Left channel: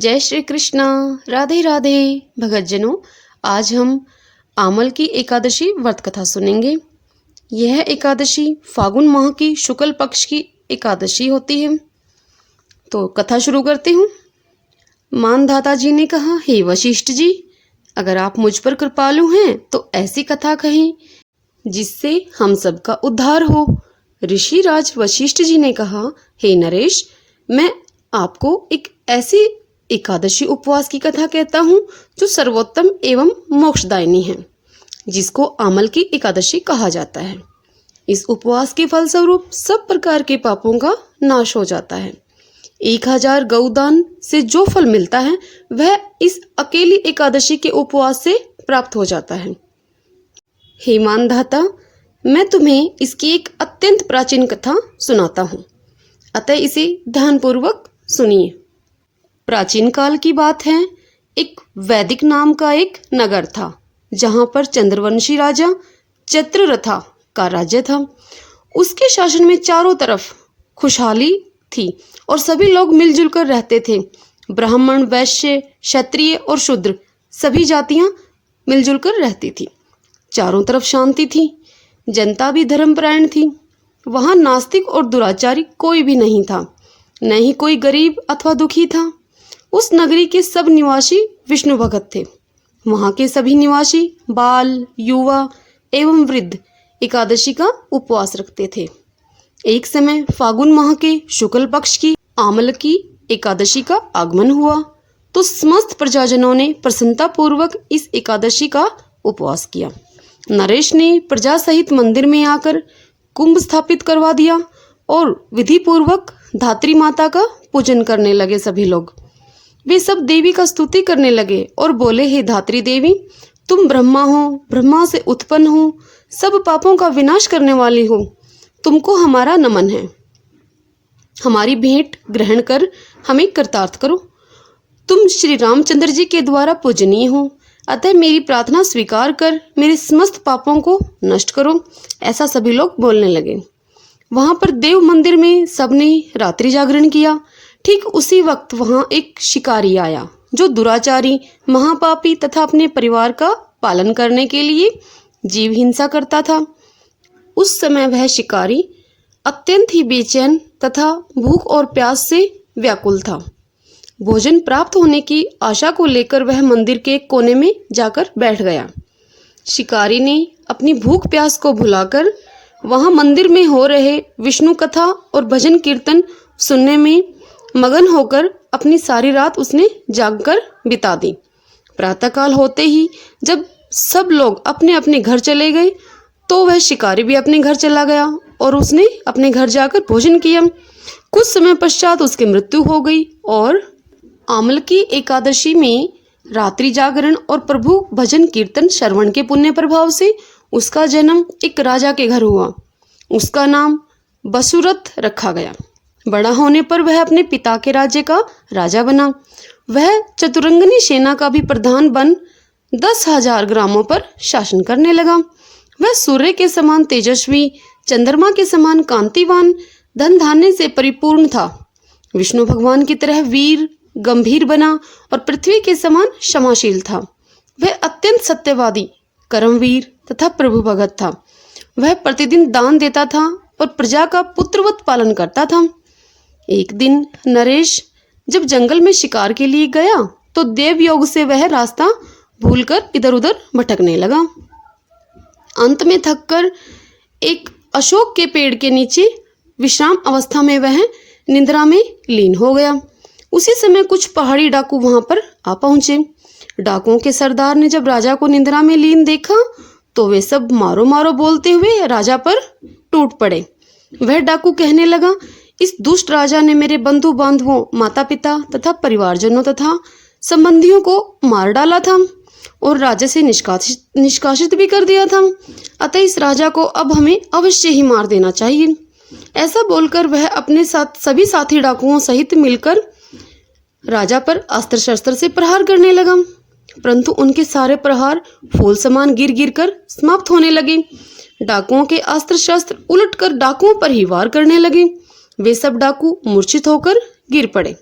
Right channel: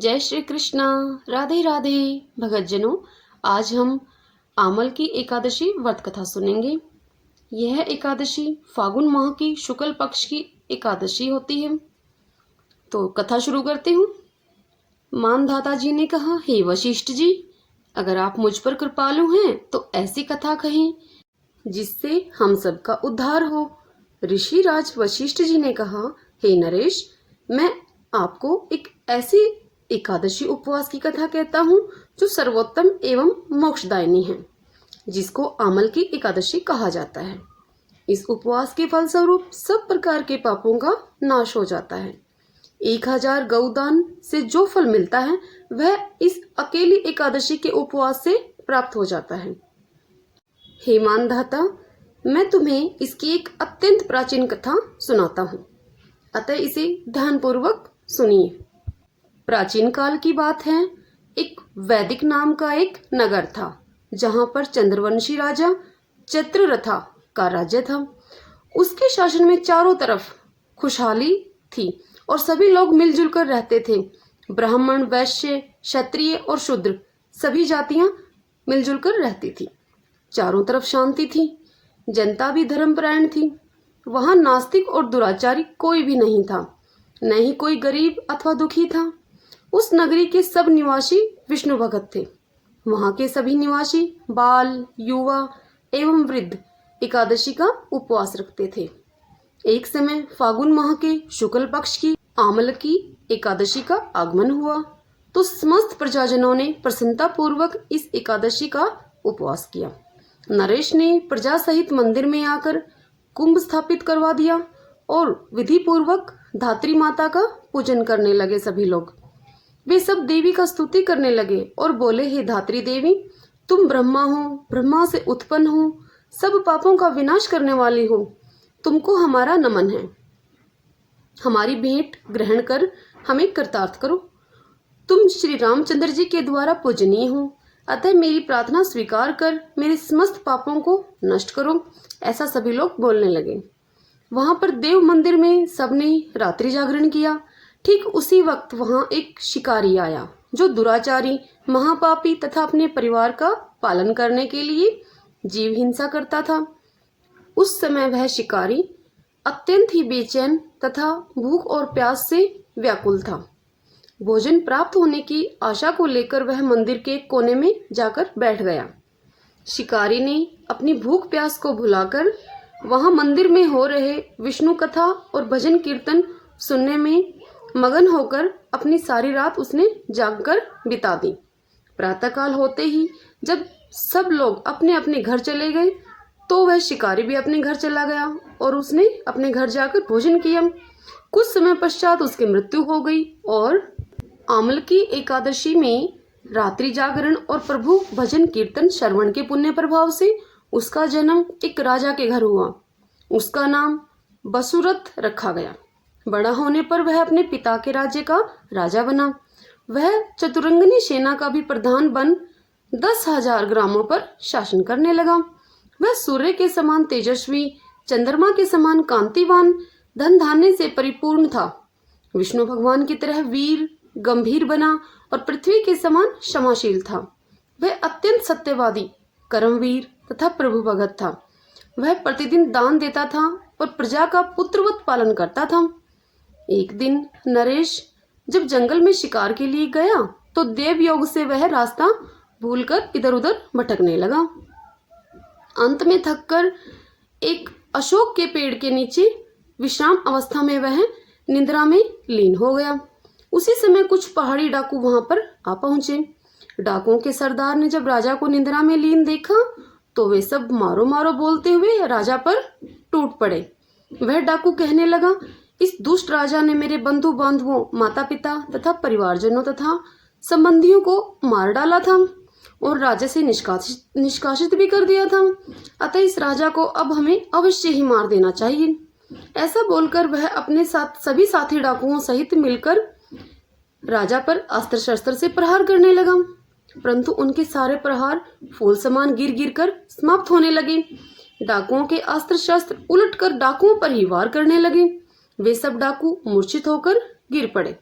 जय श्री कृष्ण। राधे राधे भगतजनों, आज हम आमल की एकादशी व्रत कथा सुनेंगे। यह एकादशी फागुन माह की शुक्ल पक्ष की एकादशी होती है। तो कथा शुरू करती हूँ। मानधाता जी ने कहा, हे वशिष्ठ जी, अगर आप मुझ पर कृपालु हैं तो ऐसी कथा कहें जिससे हम सबका उद्धार हो। ऋषि राज वशिष्ठ जी ने कहा, हे नरेश, मैं आपको एक ऐसी एकादशी उपवास की कथा कहता हूँ जो सर्वोत्तम एवं मोक्षदायिनी है, जिसको आमल की एकादशी कहा जाता है। इस उपवास के फलस्वरूप सब प्रकार के पापों का नाश हो जाता है। 1000 गौदान से जो फल मिलता है वह इस अकेली एकादशी के उपवास से प्राप्त हो जाता है। हे मानधाता, मैं तुम्हें इसकी एक अत्यंत प्राचीन कथा सुनाता हूँ, अतः इसे ध्यानपूर्वक सुनिए। प्राचीन काल की बात है। एक वैदिक नाम का एक नगर था, जहां पर चंद्रवंशी राजा चित्ररथा का राज्य था। उसके शासन में चारों तरफ खुशहाली थी और सभी लोग मिलजुल कर रहते थे। ब्राह्मण, वैश्य, क्षत्रिय और शूद्र सभी जातियां मिलजुल कर रहती थी। चारों तरफ शांति थी। जनता भी धर्मपरायण थी। वहां नास्तिक और दुराचारी कोई भी नहीं था, न ही कोई गरीब अथवा दुखी था। उस नगरी के सब निवासी विष्णु भगत थे। वहां के सभी निवासी बाल, युवा एवं वृद्ध एकादशी का उपवास रखते थे। एक समय फागुन माह के शुक्ल पक्ष की आमल की एकादशी का आगमन हुआ तो समस्त प्रजाजनों ने प्रसन्नता पूर्वक इस एकादशी का उपवास किया। नरेश ने प्रजा सहित मंदिर में आकर कुंभ स्थापित करवा दिया और विधि पूर्वक धात्री माता का पूजन करने लगे। सभी लोग वे सब देवी का स्तुति करने लगे और बोले, हे धात्री देवी, तुम ब्रह्मा हो, ब्रह्मा से उत्पन्न हो, सब पापों का विनाश करने वाली हो। तुमको हमारा नमन है। हमारी भेंट ग्रहण कर हमें कृतार्थ करो। तुम श्री रामचंद्र जी के द्वारा पूजनीय हो, अतः मेरी प्रार्थना स्वीकार कर मेरे समस्त पापों को नष्ट करो। ऐसा सभी लोग बोलने लगे। वहां पर देव मंदिर में सबने रात्रि जागरण किया। ठीक उसी वक्त वहां एक शिकारी आया जो दुराचारी, महापापी तथा अपने परिवार का पालन करने के लिए जीव हिंसा करता था। उस समय वह शिकारी अत्यंत ही बेचैन तथा भूख और प्यास से व्याकुल था। भोजन प्राप्त होने की आशा को लेकर वह मंदिर के कोने में जाकर बैठ गया। शिकारी ने अपनी भूख प्यास को भुलाकर वहां मंदिर में हो रहे विष्णु कथा और भजन कीर्तन सुनने में मगन होकर अपनी सारी रात उसने जागकर बिता दी। प्रातःकाल होते ही जब सब लोग अपने अपने घर चले गए तो वह शिकारी भी अपने घर चला गया और उसने अपने घर जाकर भोजन किया। कुछ समय पश्चात उसकी मृत्यु हो गई और आमल की एकादशी में रात्रि जागरण और प्रभु भजन कीर्तन श्रवण के पुण्य प्रभाव से उसका जन्म एक राजा के घर हुआ। उसका नाम बसुरथ रखा गया। बड़ा होने पर वह अपने पिता के राज्य का राजा बना। वह चतुरंगनी सेना का भी प्रधान बन 10,000 ग्रामों पर शासन करने लगा। वह सूर्य के समान तेजस्वी, चंद्रमा के समान कांतिवान, धन धान्य से परिपूर्ण था। विष्णु भगवान की तरह वीर, गंभीर बना और पृथ्वी के समान क्षमाशील था। वह अत्यंत सत्यवादी, कर्मवीर तथा प्रभु भगत था। वह प्रतिदिन दान देता था और प्रजा का पुत्रवत पालन करता था। एक दिन नरेश जब जंगल में शिकार के लिए गया तो देव योग से वह रास्ता भूलकर इधर उधर भटकने लगा। अंत में थककर एक अशोक के पेड़ के नीचे विश्राम अवस्था में वह निद्रा में लीन हो गया। उसी समय कुछ पहाड़ी डाकू वहां पर आ पहुंचे। डाकुओं के सरदार ने जब राजा को निद्रा में लीन देखा तो वे सब मारो मारो बोलते हुए राजा पर टूट पड़े। वह डाकू कहने लगा, इस दुष्ट राजा ने मेरे बंधु बांधवों, माता पिता तथा परिवारजनों तथा संबंधियों को मार डाला था और राज्य से निष्कासित भी कर दिया था। अतः इस राजा को अब हमें अवश्य ही मार देना चाहिए। ऐसा बोलकर वह अपने साथ सभी साथी डाकुओं सहित मिलकर राजा पर अस्त्र शस्त्र से प्रहार करने लगा, परंतु उनके सारे प्रहार फूल समान गिर गिर कर समाप्त होने लगे। डाकुओं के अस्त्र शस्त्र उलटकर डाकुओं पर ही वार करने लगे। वे सब डाकू मूर्छित होकर गिर पड़े।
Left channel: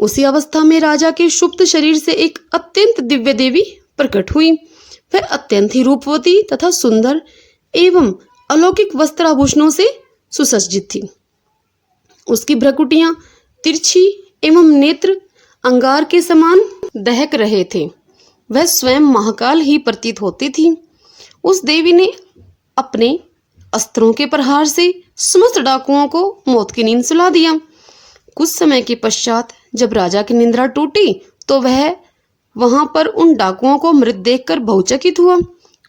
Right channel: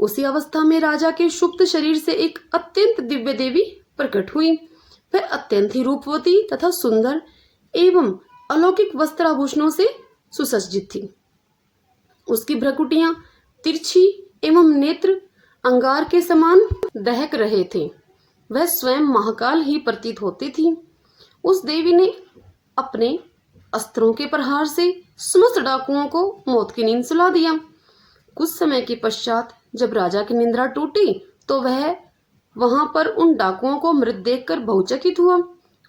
उसी अवस्था में राजा के सुप्त शरीर से एक अत्यंत दिव्य देवी प्रकट हुई। वह अत्यंत ही रूपवती तथा सुंदर एवं अलौकिक वस्त्राभूषणों से सुसज्जित थी। उसकी भ्रुकुटियां तिरछी एवं नेत्र अंगार के समान दहक रहे थे। वह स्वयं महाकाल ही प्रतीत होती थी। उस देवी ने अपने अस्त्रों के प्रहार से समस्त डाकुओं को मौत की नींद सुला दिया। कुछ समय के पश्चात जब राजा की निद्रा टूटी तो वह वहां पर उन डाकुओं को मृत देखकर बहुचकित हुआ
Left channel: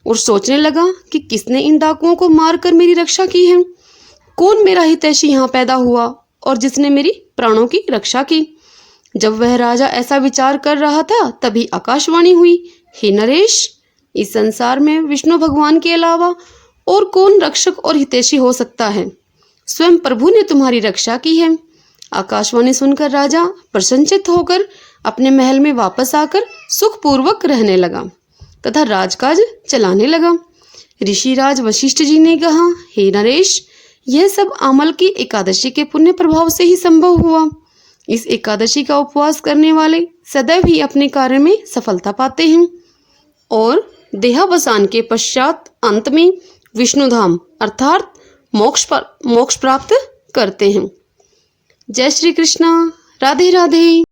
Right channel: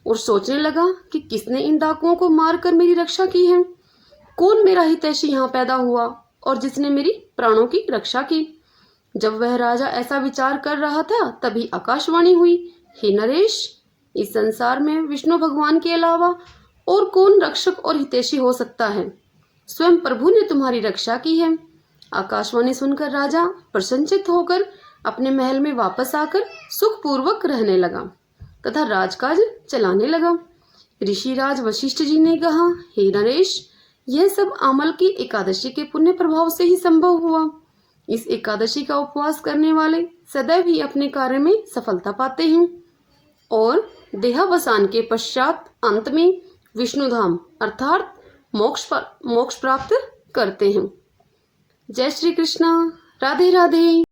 और सोचने लगा कि किसने इन डाकुओं को मारकर मेरी रक्षा की है। कौन मेरा हितैषी यहाँ पैदा हुआ और जिसने मेरी प्राणों की रक्षा की। जब वह राजा ऐसा विचार कर रहा था तभी आकाशवाणी हुई, हे नरेश, इस संसार में विष्णु भगवान के अलावा और कौन रक्षक और हितैषी हो सकता है। स्वयं प्रभु ने तुम्हारी रक्षा की है। आकाशवाणी सुनकर राजा प्रसन्नचित्त होकर अपने महल में वापस आकर सुखपूर्वक रहने लगा तथा राजकाज चलाने लगा। ऋषिराज वशिष्ठ जी ने कहा, हे नरेश, यह सब आमल की एकादशी के पुण्य प्रभाव से ही संभव हुआ। इस एकादशी का उपवास करने वाले सदैव ही अपने कार्य में सफलता पाते हैं और देहावसान के पश्चात अंत में विष्णुधाम अर्थात मोक्ष प्राप्त करते हैं। जय श्री कृष्णा। राधे राधे।